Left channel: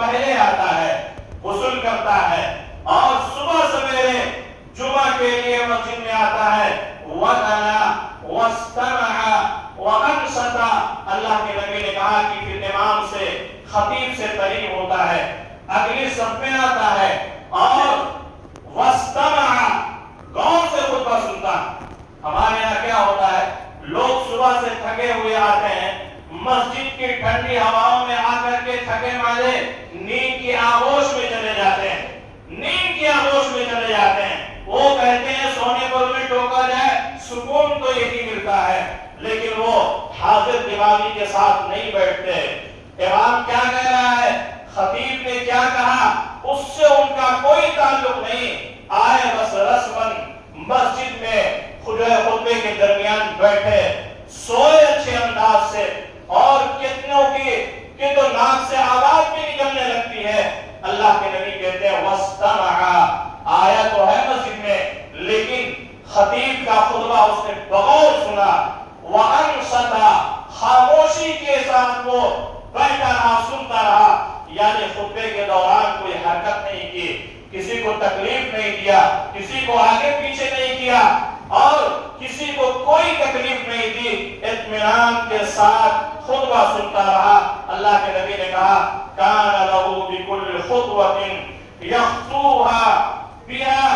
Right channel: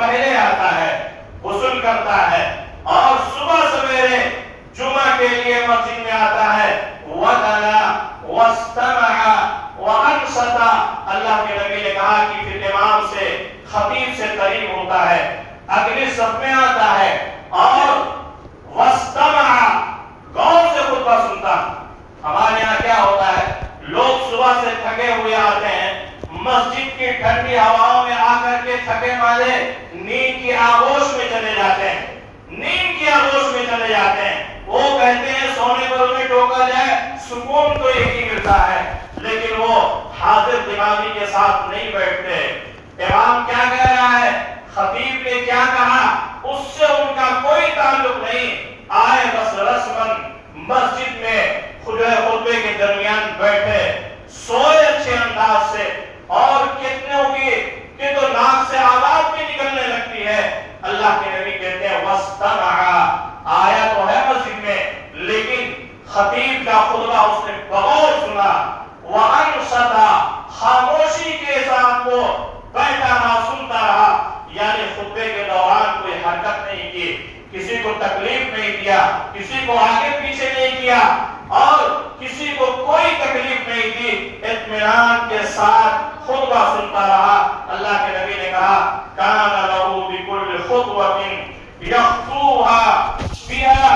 पहले आता है, गुस्ल करता है और सुबह सवेरे जुमा के लिए मस्जिद में आता है। वदना वस्तमअ वअनसता, अल्लाह के नबी ने कहा कि फिर इमाम से, खतीब से करीब होता है, अगली सफ में आता है और वस्तमअ, गौर से खुतबा सुनता। हमारे यहाँ क्या होता है, लोग सुबह से थके हुए आते हैं, मस्जिद की ठंडी हवाओं में आकर के थके मारे नींद की आगोश में चले जाते हैं, नींद की आगोश में चले जाते हैं। वो कहते हैं सोने पर उन्हें टोका जाए, सुकून तो एक ही मिलता है, लेकिन वो हाजिर दिमागी के साथ नहीं बैठते। इमाम क्या कह रहा है, खतीब ने क्या कहा, उससे उनका कोई ताल्लुक नहीं। आए बस रस्मन मस्जिद में खुतबे के दरमियान बैठे, सोए अच्छे अंदाज से, और कितनों की तो नाक से आवाज भी निकलने लगती है। अल्लाह के नबी कहते हैं वस्तमअ, आया तो है मस्जिद में, लेकिन खतीब का खुतबा उसने बगौर सुना। वअनसता, खामोशी के साथ वो बैठा रहा, सुनता रहा, यानी खुतबे के दौरान कोई हरकत नहीं की, किसी को तकलीफ नहीं दिया, किसी को आगे पीछे नहीं किया और किसी को कोई तकलीफ नहीं दी, इत्मीनान के साथ खुतबा सुनता रहा। अल्लाह के नबी ने कहा कान लहू बिकुल्लि खुतवतिन यख्तूहा बिहा